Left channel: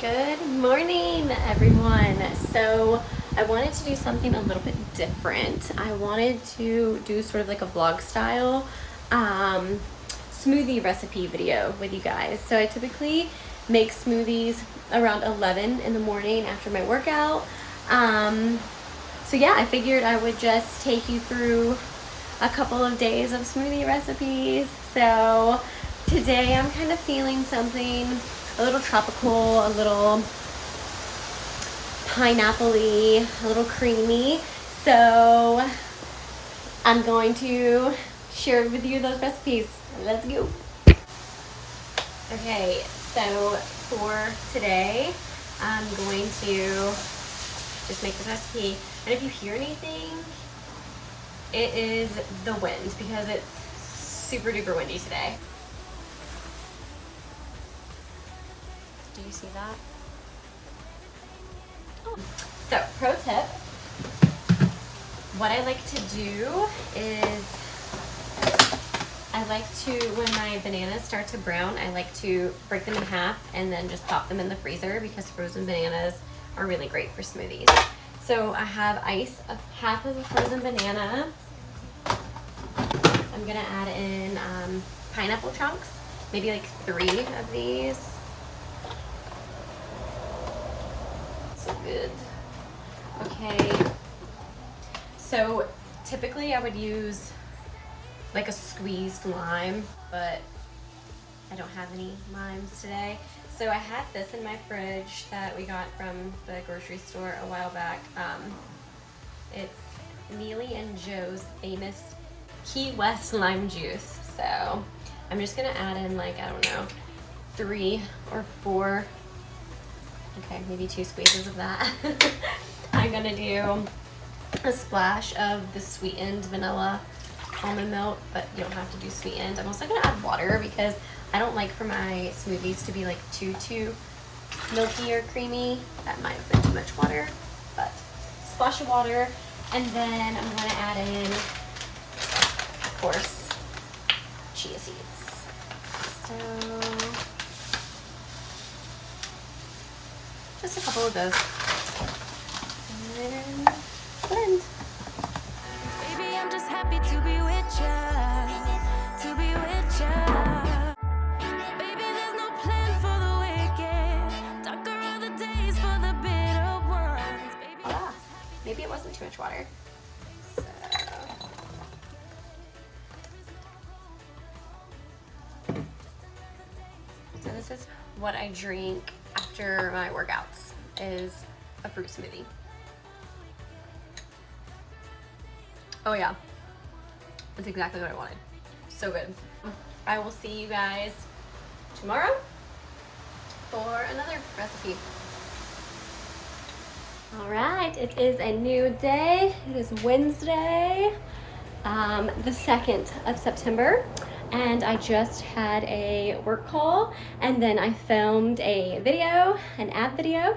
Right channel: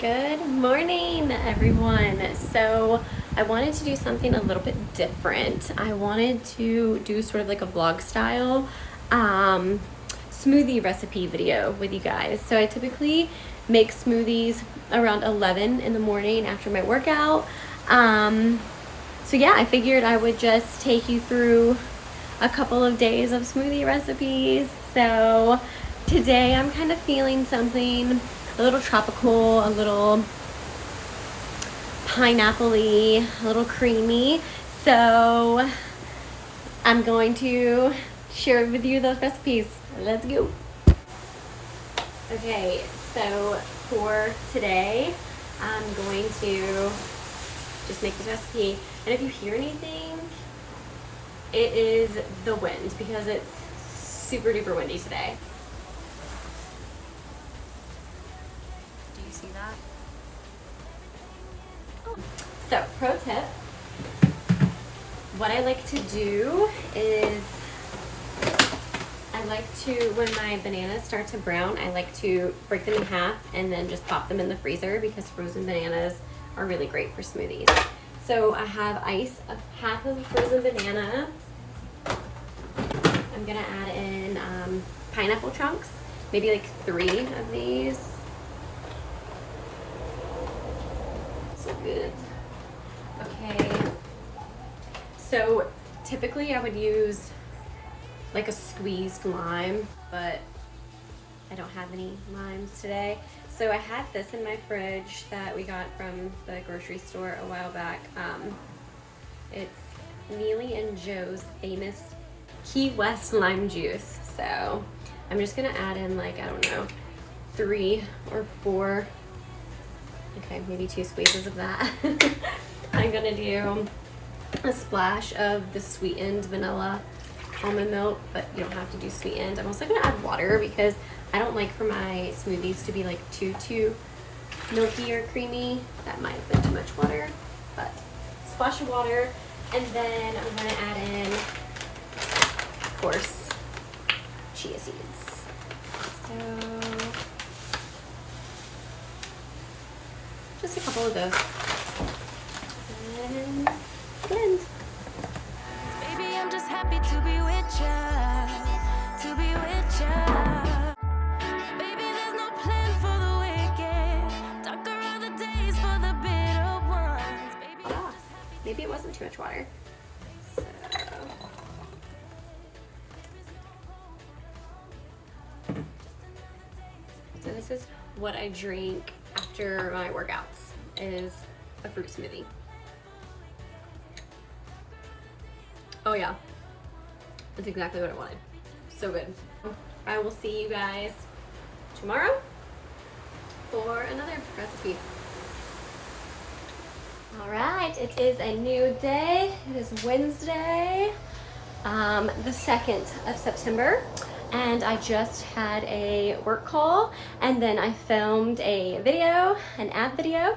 Good morning, everyone. So I wanted to do something a little bit different. I wanted to do sort of like a vlog style smoothie recipe video with you guys. So I typically make smoothies around 11 in the morning after my workout. So yeah, I figured I would just take you through a couple of days of smoothie recipes. So today I'm kind of feeling something a little tropical, a little pineapple-y, a little creamy. So I'm going to share with you those recipes. Let's go. Okay, so for today, I'm going to just make the recipe. And if you hear anything, it is the wind because it's super duper windy today. Did you see that? Oh. So, pro tip, what I like to do is I like to, when my bananas start to brown, I like to break them in half and then just pop them in the freezer because frozen bananas are really great for smoothies. So I have ice, half of a frozen banana. I'm gonna add in pineapple chunks, maybe like 3 of these. So good. Okay, so typically I would use like a squeezed lime, but I don't have any limes today. So I have this in my fridge that we got from the grocery store a while back. It's Neely and Joe's famous Key West lime juice. So I'm just gonna add in like, I don't know, 3 or 4, okay, maybe 2 squeezes of that. I'm gonna do a splash of the sweetened vanilla almond milk, but you don't have to do sweetened. I'm also gonna add water because I don't like for my smoothies to be like too milky or creamy. That might have been too much water, but splash of water. And then I'm gonna add in, of course, chia seeds. So just a couple of those. And blend. Baby, I'm just happy to be with ya, to be with ya. Baby, there's no plan for the wicked. Darker are the days for the bitter ones. Baby, Ah, maybe it wasn't too much water. So this is what I drink after my workouts, is a fruit smoothie. Oh yeah, that's exactly what I wanted. So good. I will see you guys tomorrow for another recipe. All right, it is a new day. It is Wednesday, the 2nd of September, and I just had a work call, and then I filmed a video, an ad video,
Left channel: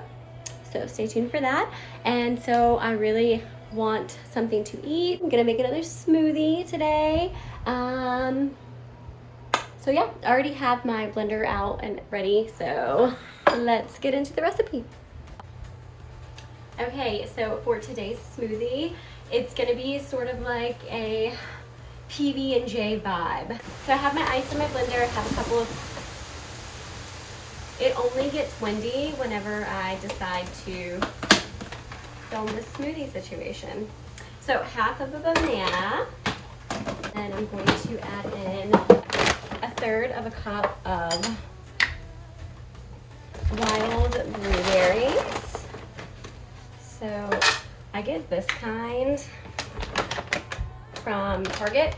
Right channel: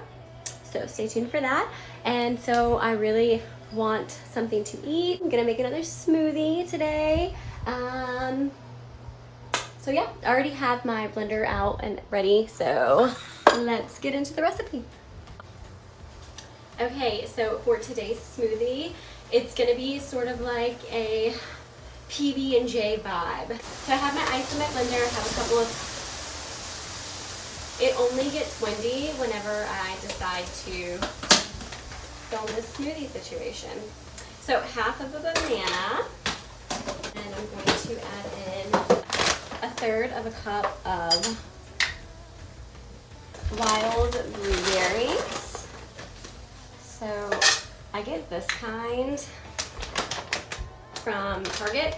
so stay tuned for that. And so I really want something to eat. I'm gonna make another smoothie today. So yeah, I already have my blender out and ready, so let's get into the recipe. Okay, so for today's smoothie, it's gonna be sort of like a PB&J vibe. So I have my ice in my blender. I have a couple of, it only gets windy whenever I decide to film this smoothie situation. So half of a banana, and I'm going to add in 1/3 of a cup of wild blueberries. So I get this kind from Target.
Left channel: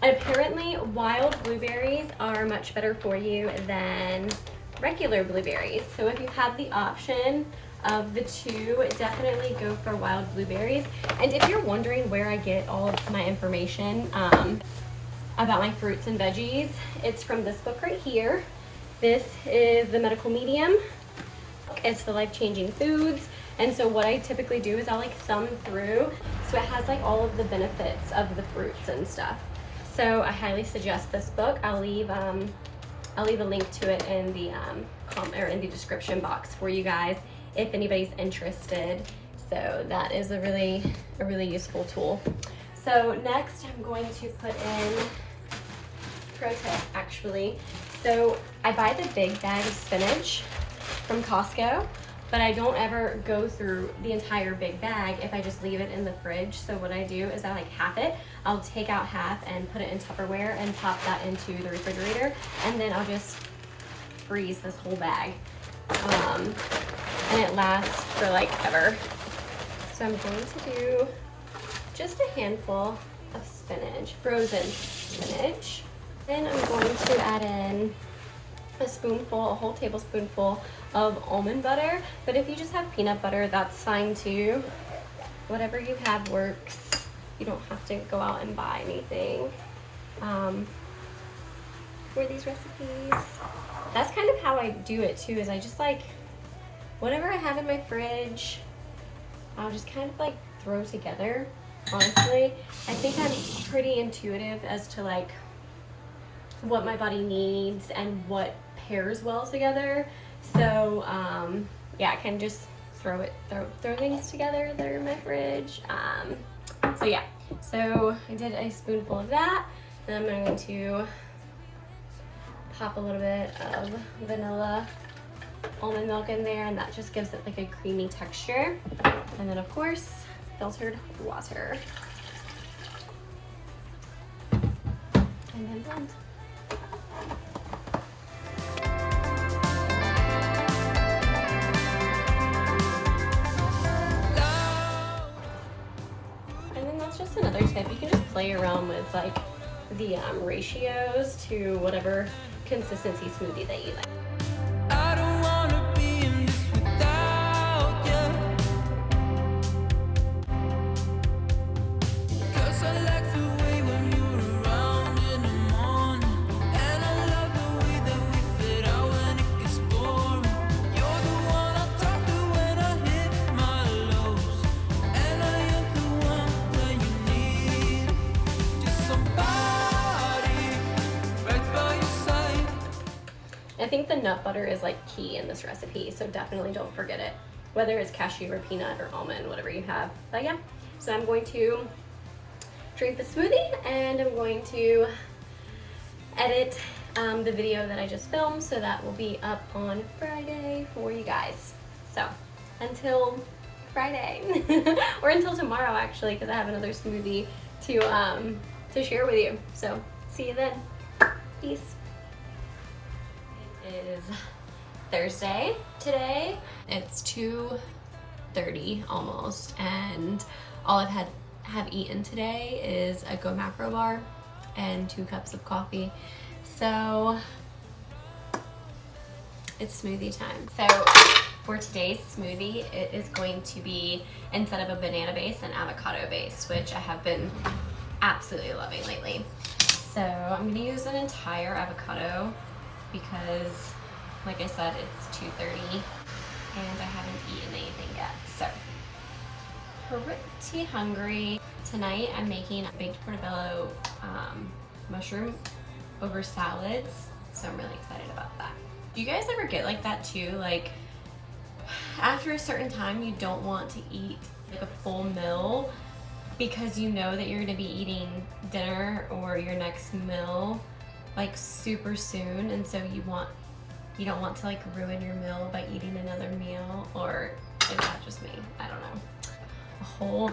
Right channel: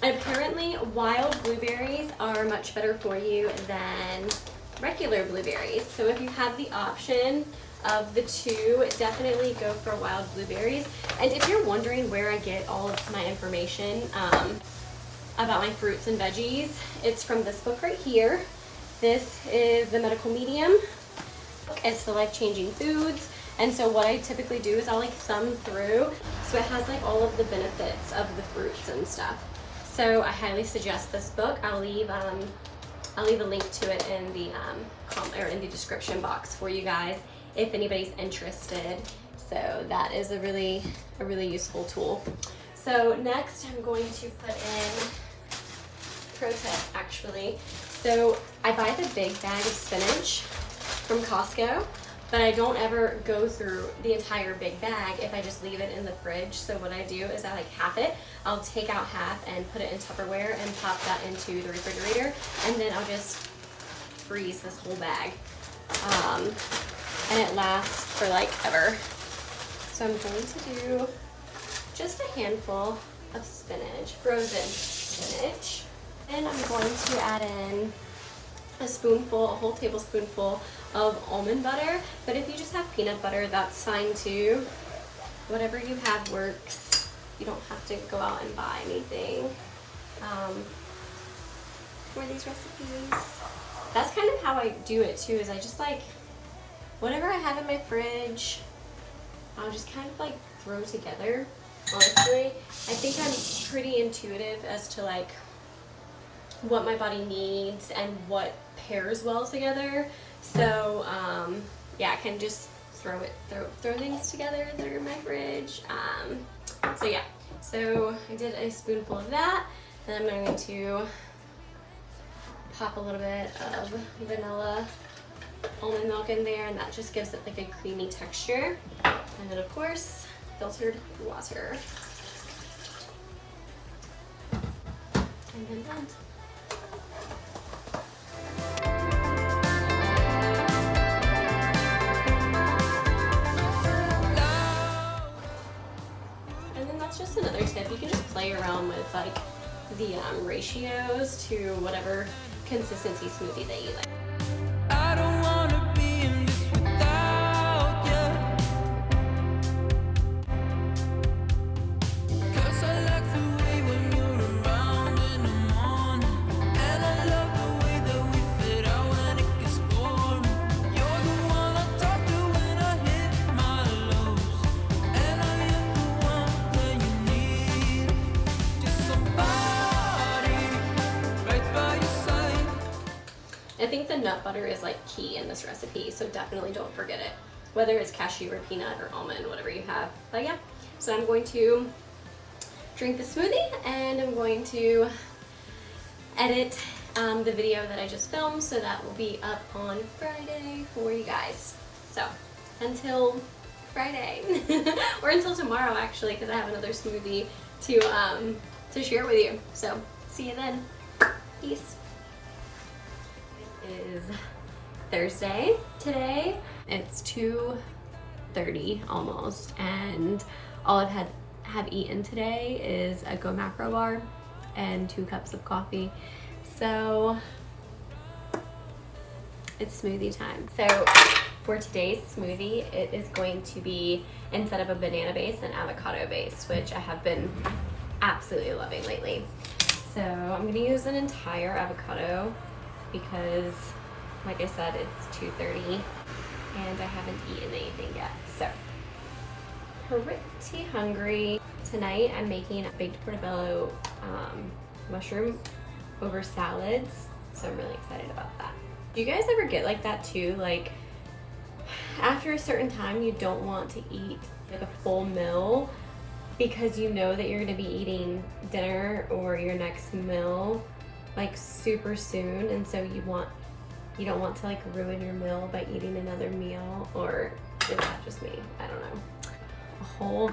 And apparently wild blueberries are much better for you than regular blueberries. So if you have the option of the two, definitely go for wild blueberries. And if you're wondering where I get all of my information about my fruits and veggies, it's from this book right here. This is the Medical Medium. It's the Life-Changing Foods. And so what I typically do is I'll like thumb through. So it has like all of the benefits of the fruits and stuff. So I highly suggest this book. I'll leave I'll leave a link to it in the in the description box for you guys if anybody's interested. So that is a really useful tool. So next I'm going to put in, pro tip actually. So I buy the big bag of spinach from Costco, but I don't ever go through the entire big bag if I just leave it in the fridge. So what I do is I like half it. I'll take out half and put it in Tupperware and pop that into the refrigerator, and then I'll just freeze this whole bag. And it lasts for like ever. So I'm going to do just a handful of spinach, frozen spinach. Then I'm going to add in a whole tablespoonful of almond butter. But if you just have peanut butter, that's fine too. Whatever you have works. You don't have to go out and buy anything for these recipes. That's kind of how I do it too, is I just like, whatever I have in my fridge, I'll just kind of like throw together. Honestly, I think I'm pretty intuitive as to like what my body needs and what pairs well together. So yeah, I can just throw things together that are in my fridge. So yeah, so I did a spoonful of that, and I'm going to pop a little bit of vanilla almond milk in there, and that just gives it like a creamy texture. And then of course, filtered water. And then blend. And then that's just another tip. You can just play around with like the ratios to whatever consistency smoothie that you like. I don't wanna be in this without you, 'cause I like the way when you're around in the morning, and I love the way that we fit out when it gets boring. You're the one I talk to when I hit my lows, and I am the one when you need just somebody right by your side. I think the nut butter is like key in this recipe, so definitely don't forget it, whether it's cashew or peanut or almond, whatever you have. But yeah, so I'm going to drink the smoothie, and I'm going to edit the video that I just filmed, so that will be up on Friday for you guys. So until Friday, or until tomorrow actually, because I have another smoothie to share with you. So see you then. Peace. Is Thursday today. It's 2:30 almost, and all I've have eaten today is a Go Macro bar and 2 cups of coffee. So it's smoothie time. So for today's smoothie, it is going to be, instead of a banana base, an avocado base, which I have been absolutely loving lately. So I'm gonna use an entire avocado because, like I said, it's 2:30 and I haven't eaten anything yet. So, pretty hungry. Tonight I'm making a baked portobello mushroom over salads, so I'm really excited about that. Do you guys ever get like that too? Like, after a certain time you don't want to eat like a full meal because you know that you're gonna be eating dinner or your next meal like super soon, and so you don't want to like ruin your meal by eating another meal, or is that just me? I don't know. A whole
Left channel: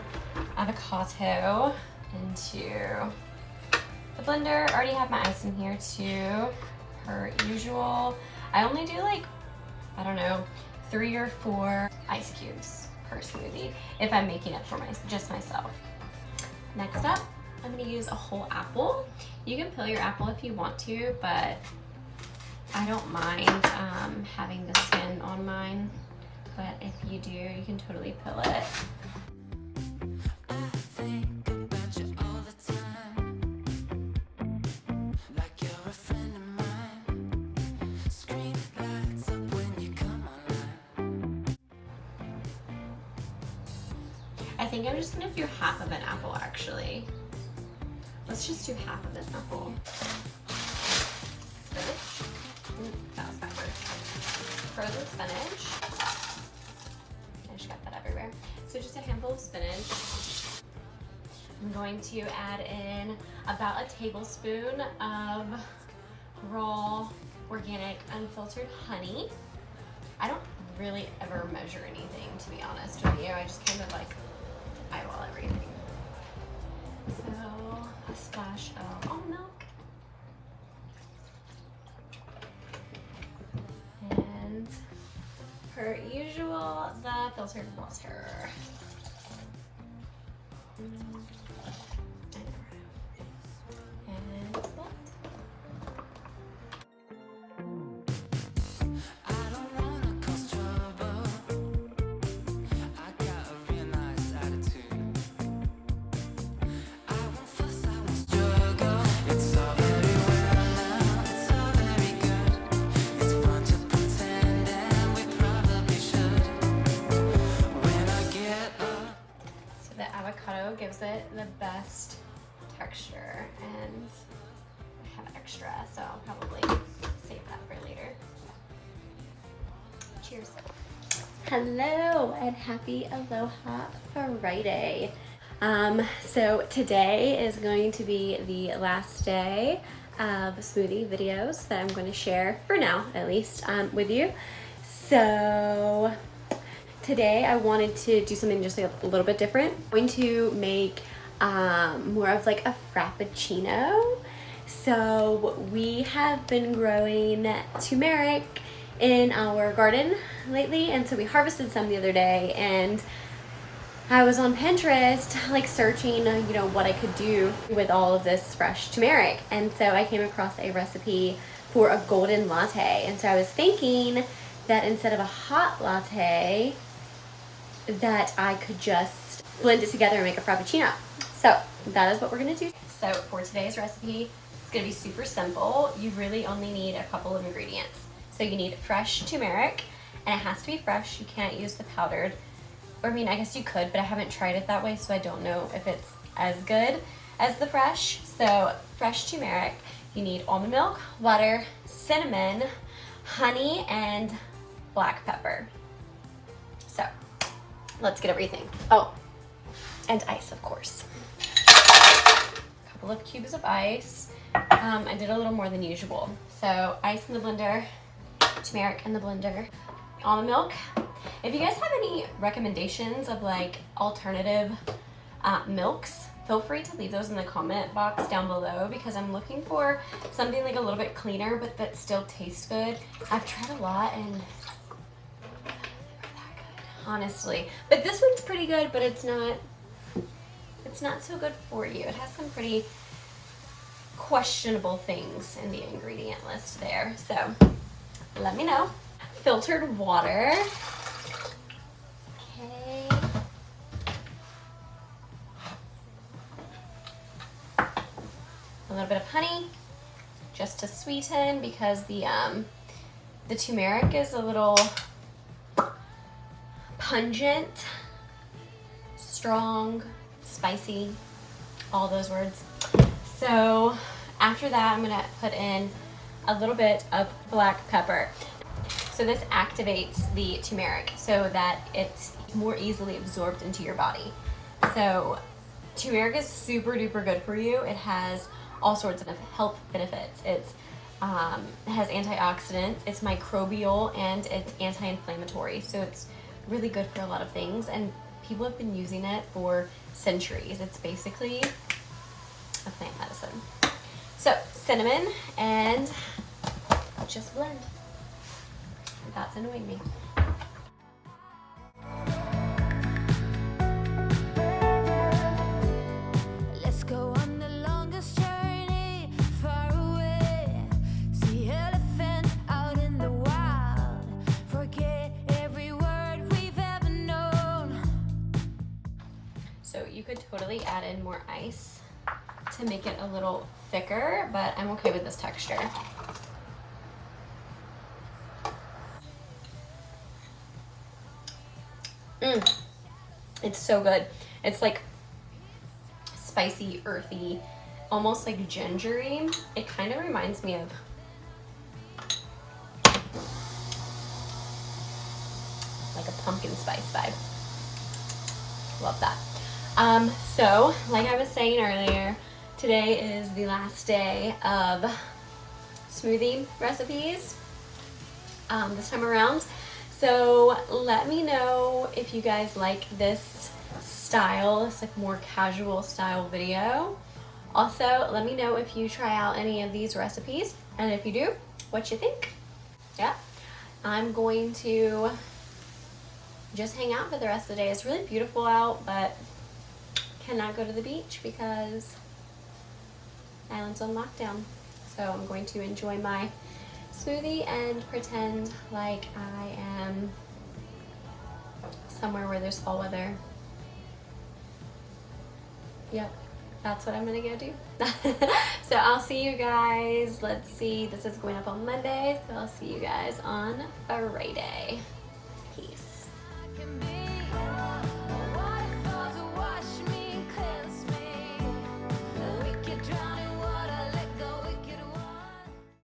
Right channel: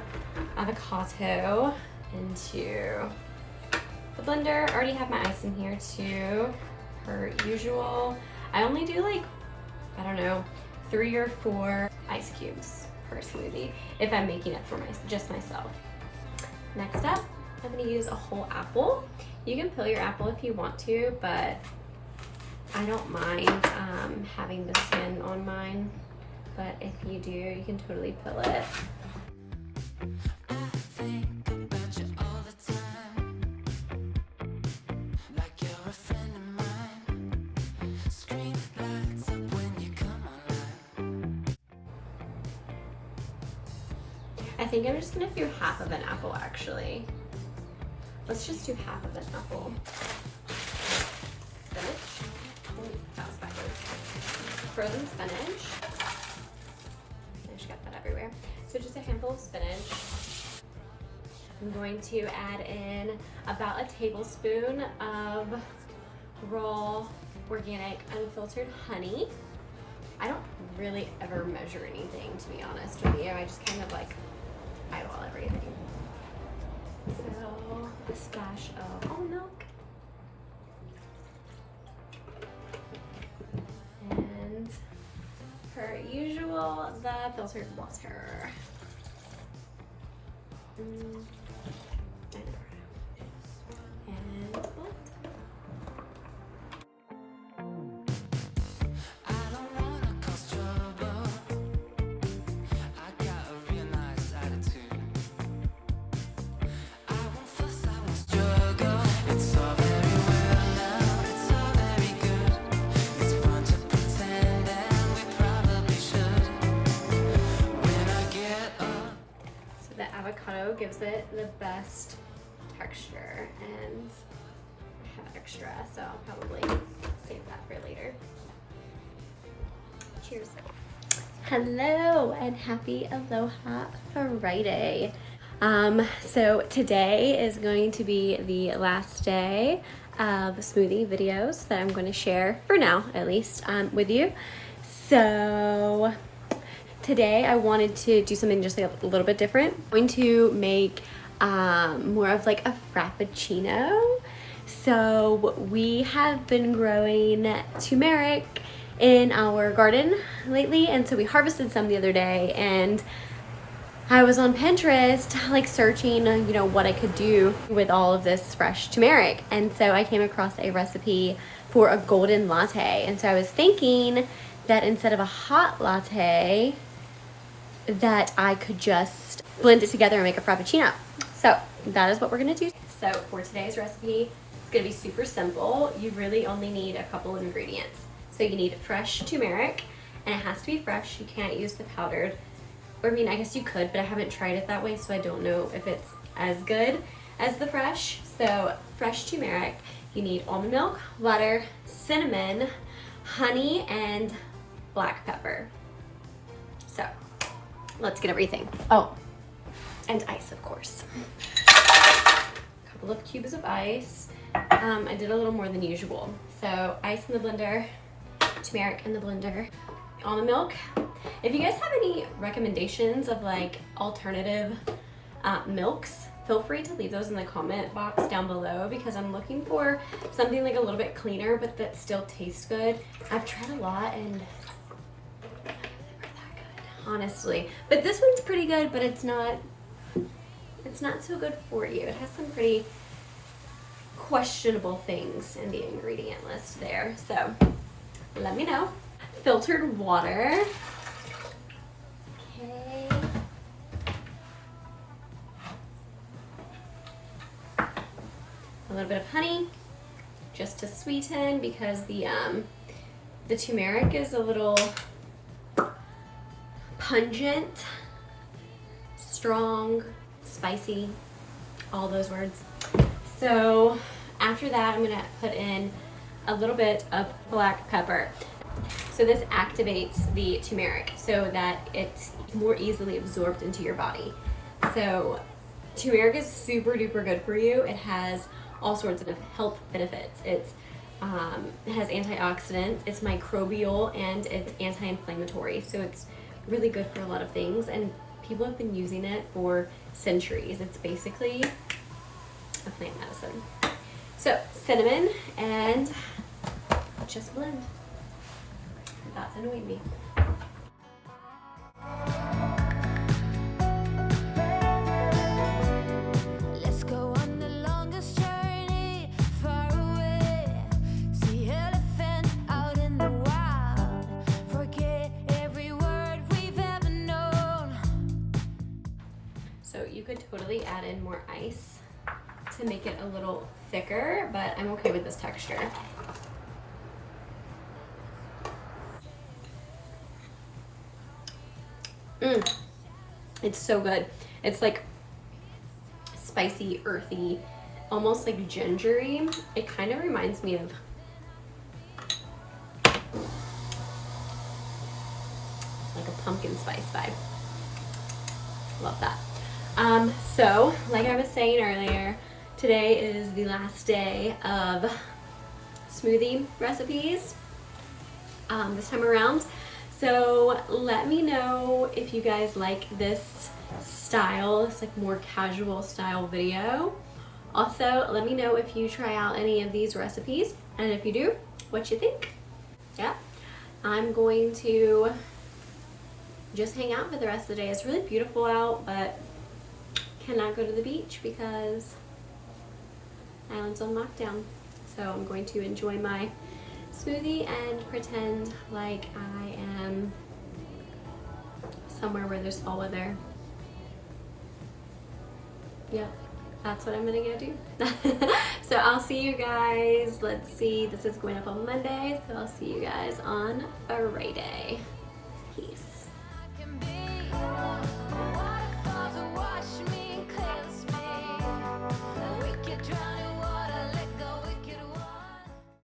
avocado into the blender. I already have my ice in here too, per usual. I only do like, I don't know, 3 or 4 ice cubes per smoothie if I'm making it for just myself. Next up, I'm gonna use a whole apple. You can peel your apple if you want to, but I don't mind having the skin on mine. But if you do, you can totally peel it. I think about you all the time, like you're a friend of mine. Screen lights up when you come online. I think I'm just gonna do half of an apple actually. Let's just do half of an apple. Spinach. frozen spinach. I just got that everywhere. So just a handful of spinach. I'm going to add in about a tablespoon of raw, organic, unfiltered honey. I don't really ever measure anything, to be honest with you. I just kind of like eyeball everything. So a splash of almond milk. And per usual, the filtered water. And blend. The avocado gives it the best texture, and I have extra, so I'll probably save that for later. Cheers. Hello and happy Aloha Friday. So today is going to be the last day of smoothie videos that I'm going to share, for now at least, with you. So today I wanted to do something just like a little bit different. I'm going to make more of like a frappuccino. So we have been growing turmeric in our garden lately, and so we harvested some the other day, and I was on Pinterest like searching, you know, what I could do with all of this fresh turmeric, and so I came across a recipe for a golden latte. And so I was thinking that instead of a hot latte, that I could just blend it together and make a frappuccino. So that is what we're gonna do. So for today's recipe, it's gonna be super simple. You really only need a couple of ingredients. So you need fresh turmeric, and it has to be fresh. You can't use the powdered. Or I mean, I guess you could, but I haven't tried it that way, so I don't know if it's as good as the fresh. So fresh turmeric, you need almond milk, water, cinnamon, honey, and black pepper. So let's get everything. Oh, and ice, of course. A couple of cubes of ice. I did a little more than usual. So ice in the blender, turmeric in the blender, almond milk. If you guys have any recommendations of like alternative milks, feel free to leave those in the comment box down below, because I'm looking for something like a little bit cleaner but that still tastes good. I've tried a lot and they're that good, honestly. But this one's pretty good, but it's not so good for you. It has some pretty questionable things in the ingredient list there. So let me know. Filtered water. Okay. A little bit of honey, just to sweeten, because the turmeric is a little pungent, strong, spicy, all those words. So after that, I'm gonna put in a little bit of black pepper. So this activates the turmeric so that it's more easily absorbed into your body. So turmeric is super duper good for you. It has all sorts of health benefits. It has antioxidants, it's microbial, and it's anti-inflammatory. So it's really good for a lot of things, and people have been using it for centuries. It's basically a plant medicine. So cinnamon, and just blend. That's annoying me. Let's go on the longest journey far away. See elephants out in the wild. Forget every word we've ever known. So you could totally add in more ice to make it a little thicker, but I'm okay with this texture. It's so good. It's like spicy, earthy, almost like gingery. It kind of reminds me of like a pumpkin spice vibe. Love that. So like I was saying earlier, today is the last day of smoothie recipes this time around. So let me know if you guys like this style, it's like more casual style video. Also, let me know if you try out any of these recipes, and if you do, what you think. Yeah, I'm going to just hang out for the rest of the day. It's really beautiful out, but cannot go to the beach because the island's on lockdown. So I'm going to enjoy my smoothie and pretend like I am somewhere where there's fall weather. Yep, that's what I'm gonna go do. So I'll see you guys, let's see, this is going up on Monday, so I'll see you guys on Friday.